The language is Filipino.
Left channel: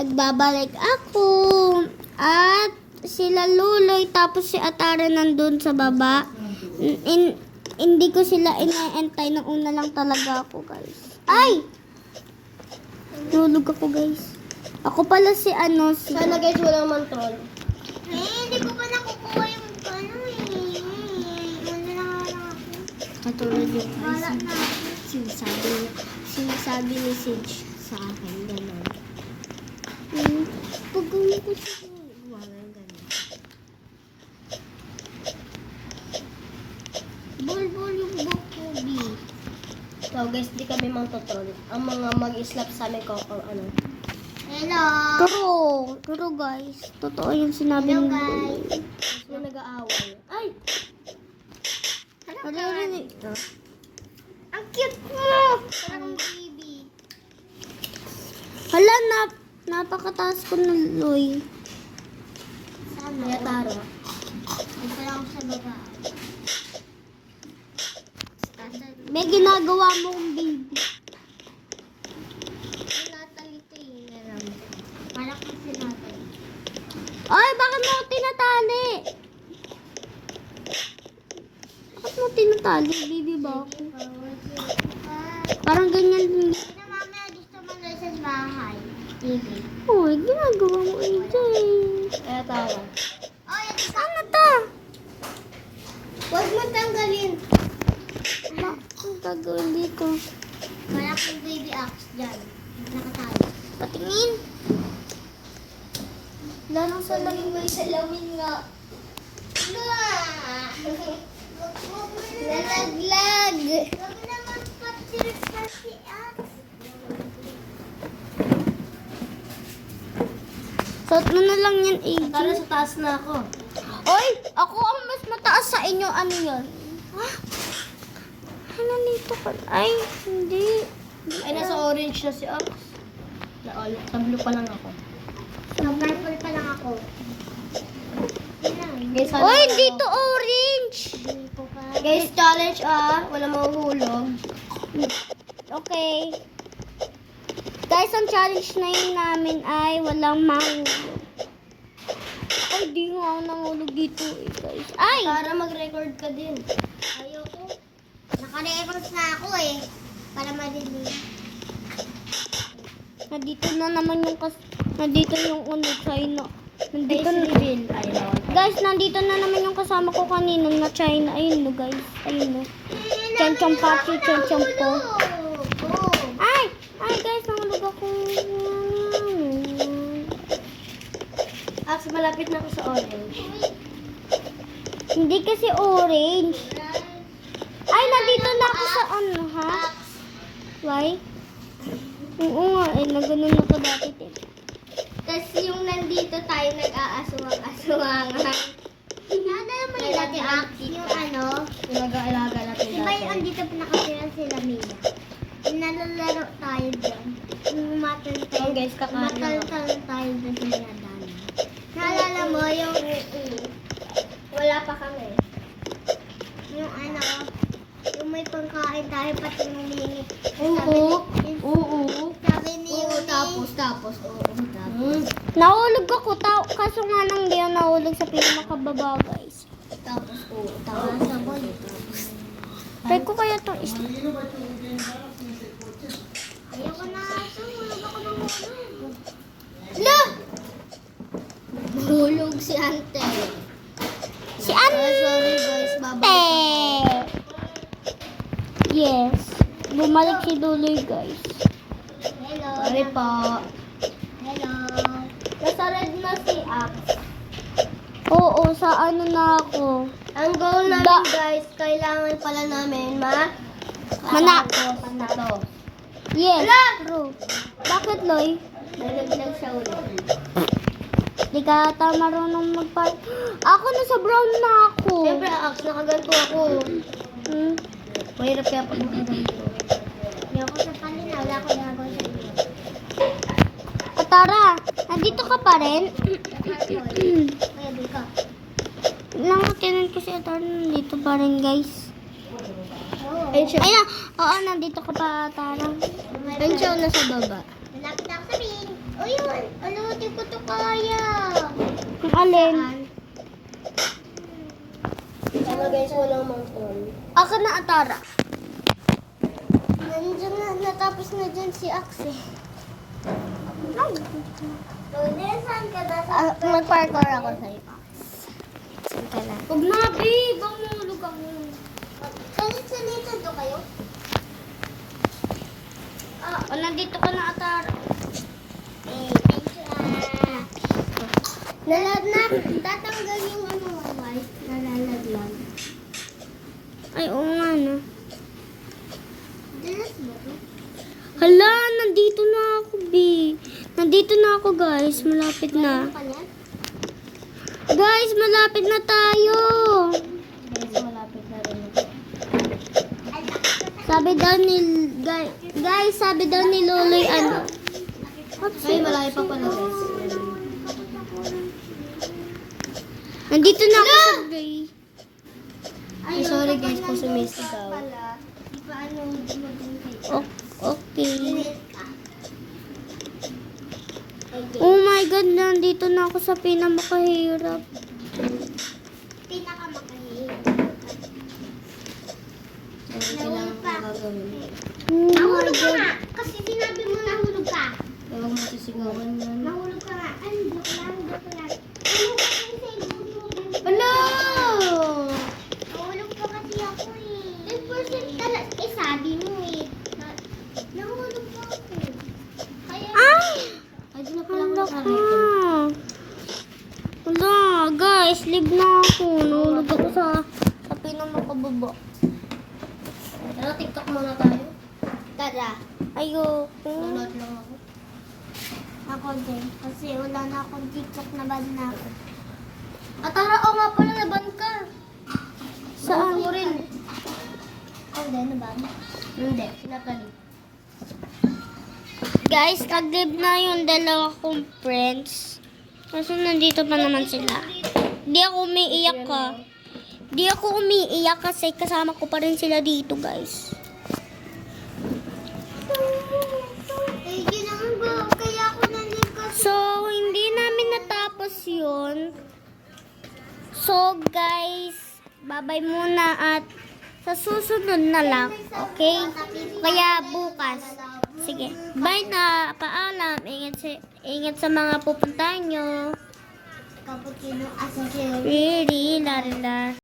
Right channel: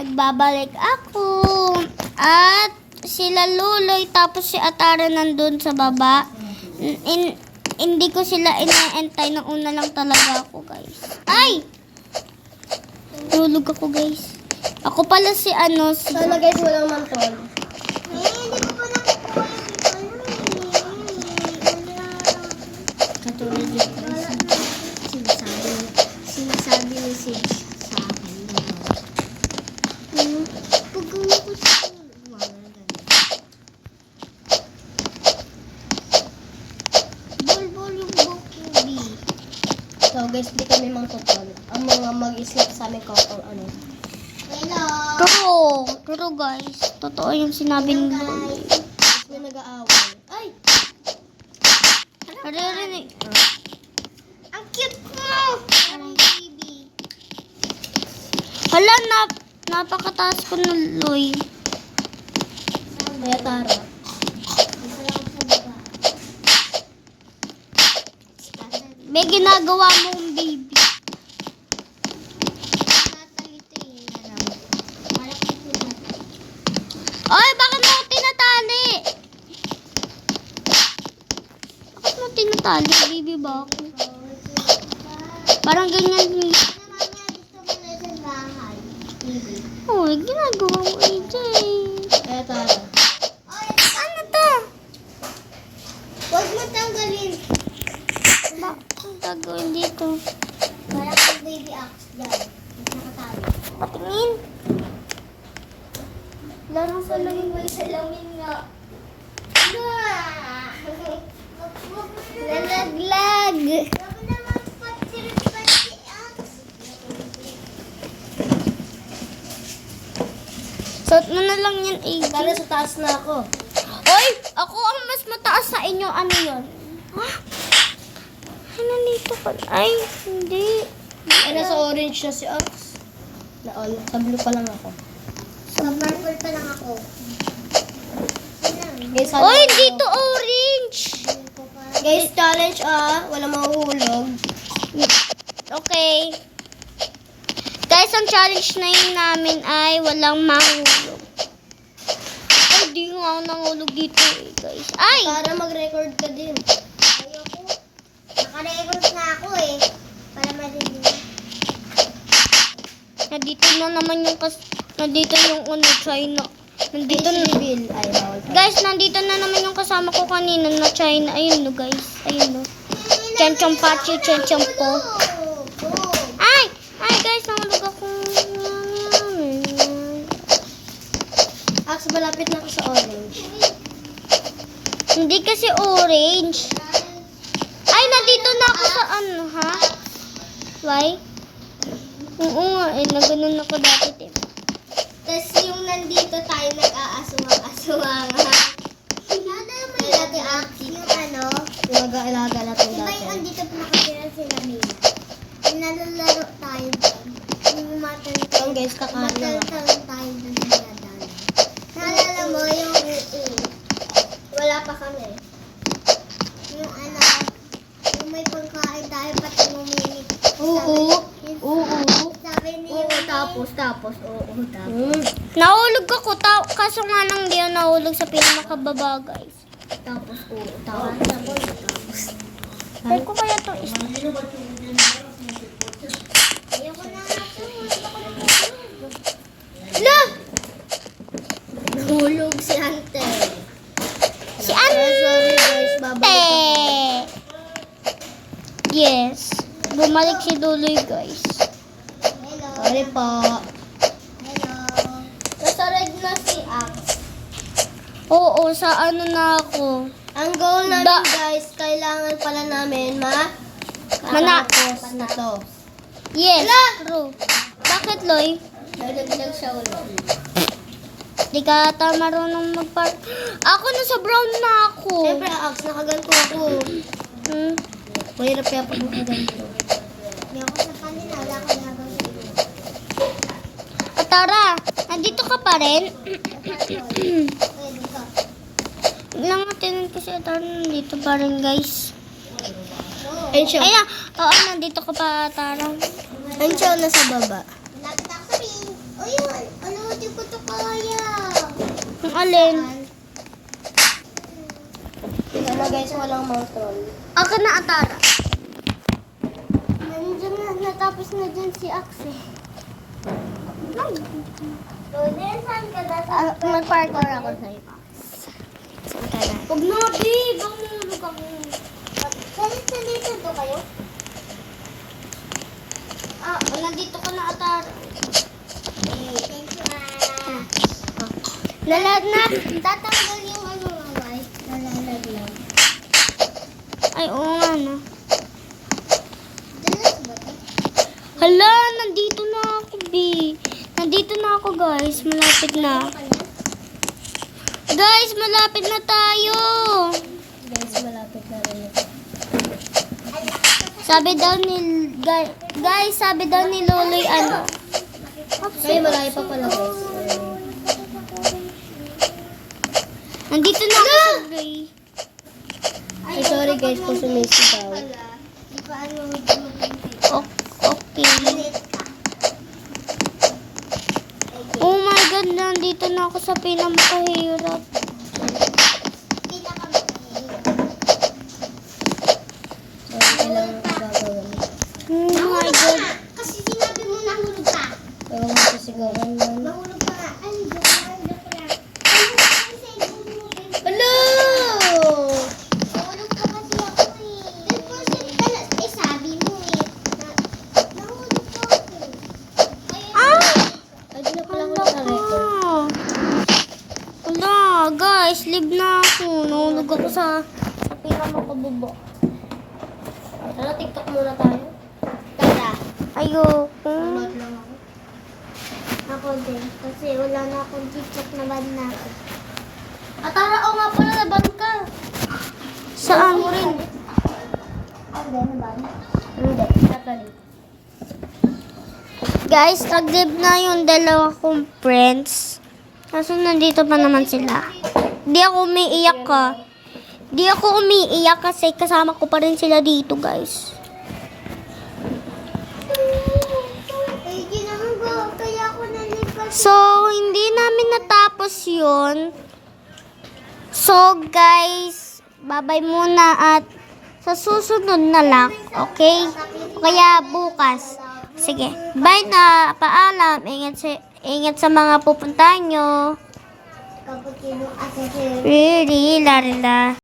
nagbabalik ako. At sila Luloy, tapos si Atara nandun sa baba. Hindi ko sila inaantay. Nauna lang talaga ako, guys. Ay! Tulog ako, guys. Ako pala si si... Sana guys, walang mantol. Hindi ko pa nakukuha yung Katulad yung guys. Sinasabi ni Sage sa akin. Pag ko siya. Bol yung buhok ko, B. So guys, di kami mangtutol. Ang mga mag-isip sa amin ko kung ano. Hello. True guys. Totoo yung sinabi ni Luloy. May nag-aaway. Ay! Naririnig. Ang cute mo. Parang baby. Hala, napakataas ko ng Luloy. Kaya Tara. Ito lang sa baba. May ginagawa mong baby. Ay, bakit mo tinatali? Bakit mo tinatali, baby ba ako? Parang ganyan din. Mamaya gusto mo na sa bahay. Baby. Uy, ginagawa mo, AJ. Kaya Tara. Ano to? Huwag mo tanggalin. Ang gagawin dito. Kaya kang baby axe dyan. Nakatali. Patingin. Laro sa laging may salamin nga. Nalaglag. Huwag naman pati axe. Suot mo na lang yan, AJ. Tara, sa taas na ako. Oy, ako ang mas mataas sa inyo. Ano yun? Ha? Ay, nandito ka. Ay, hindi. Ay, nasa orange na si Ax. Sa blue pa lang ako. Sa purple pa lang ako. Guys, Oy, dito orange. Guys, challenge wala mahuhulog. Okay. Guys, ang challenge na yun namin ay walang mahulog. Ay, di nga ako nangulog dito guys. Ay! Para mag-record ka din. Ayoko. Naka-record na ako para madilim. Nandito na naman yung nandito yung China. Nandito na. Bill. Ayaw. Guys, nandito na naman yung kasama ko kanina na China. Ayun no guys. Ayun no. Chan-chan pachi, chan-chan po. Ay! Ay guys, nangulog ako. Ax, malapit na ako sa orange. Hindi kasi orange. Ay, nandito na ako sa ha? Why? Oo nga, naganon ako dati. Tapos yung nandito tayo nag-aaswang-aswang. May dati yung Yung mag-aalaga natin Diba dati. yung andito pa nakatira sila Mila? Nalalaro tayo dyan. Yung guys, kakain lang ako. Mataltalon tayo dyan sa gradana. Naalala mo yung wala pa kami. Yung yung may pangkain tayo pati nung minute. Oo. Sabi ni Tapos. Nahulog ako, kaso nga nang di ako nahulog sa pinamakababa, guys. Tapos. Try ko kaya to is... Ayoko na nga ito. La! Nahulog si Ante. Si Ante! Sorry guys, babalik. Yes. Bumalik si Duloy, guys. Hello. Sorry po. Hello. Nasa red na si Ax. Oo, sa ano na ako. Ang goal namin guys, kailangan pala namin Tapos na to. Yes, true. Bakit, Loy? Nagaglag siya ulo. Di ka ata marunong Ako, nasa brown na ako. Siyempre, Ax, nakaganto ako. Hmm? Mahirap kaya pag nakaganto. Hindi ako sa kanina. Wala ko na ako sa iyo. Atara, nandito ka pa rin? Pwede ka. Lang tinan ko si Atara nandito pa rin, guys. Oo. Ayun siya. Ay na, oo, nandito ka pa, Atara. Ayun siya, nasa baba. Malapit ako sa pin. O yun. Ano kaya. Yung alin? Pero guys, walang motor. Ako na Atara. Nandiyan na, natapos na dyan si Axe. Lodi, saan ka ba? Mag-parkour ako sa'yo. Saan ka na? Huwag na, babe. Bang mulog ako. Kalit na dito do kayo? O, nandito ka na Atara. Thank you. Lalad na. Tatanggal yung ano nga guys. Nalalad lang. Ay, oo nga no. Dalas ba ito? Hala, nandito na ako, B. Nandito na ako, guys. Malapit na. Kanya? Guys, malapit na tayo. Guys, malapit na rin. Sabi daw ni... Guys, sabi daw ni Loloy, ano? Ay, malayo pa pala guys. Nandito na ako sa Gray. Ay, sorry guys kung sumisigaw. Di pa ano medyo mabinti. Okay. Oh my God, nandito na ako sa pinamakahirap. Pita kami. Sorry lang ang gagawin. Oh my God. Kasi sinabi mo nahulog ka. Ewan mo sisigawan yan. Nahulog ka nga. Ay, joke lang. Ano kasi cellphone mo, babe? Hello! Nahulog ka kasi ako eh. 10% pala. Eh, sabi mo eh. Nahulog ka ako. Ayun. Ah! Ay, di na pala Hala ako ka. na-record. Hala, guys, live na ako. Nahulog ako sa pinamakababa. Tara, TikTok muna tayo. Tara. Ayoko. Load lang ako. Ako din. Kasi wala na akong TikTok na bad na ako. Atara, o nga pala, laban ka. Saan? Ako din, na bad? Hindi, Natalie. Guys, nag-live na yung dalawa kong friends. Kasi nandito pa naman sila. Di ako umiiyak ka. Di ako umiiyak kasi kasama ko pa rin sila dito, guys. Eh, ginagawa. Kaya ako nalipas. So, hindi namin natapos yun. So, guys, bye-bye muna at sa susunod na lang, okay? Kaya bukas. Sige, bye na. Paalam. Ingat sa mga pupuntahan nyo. Kapag kinong asin siya. Really, larila.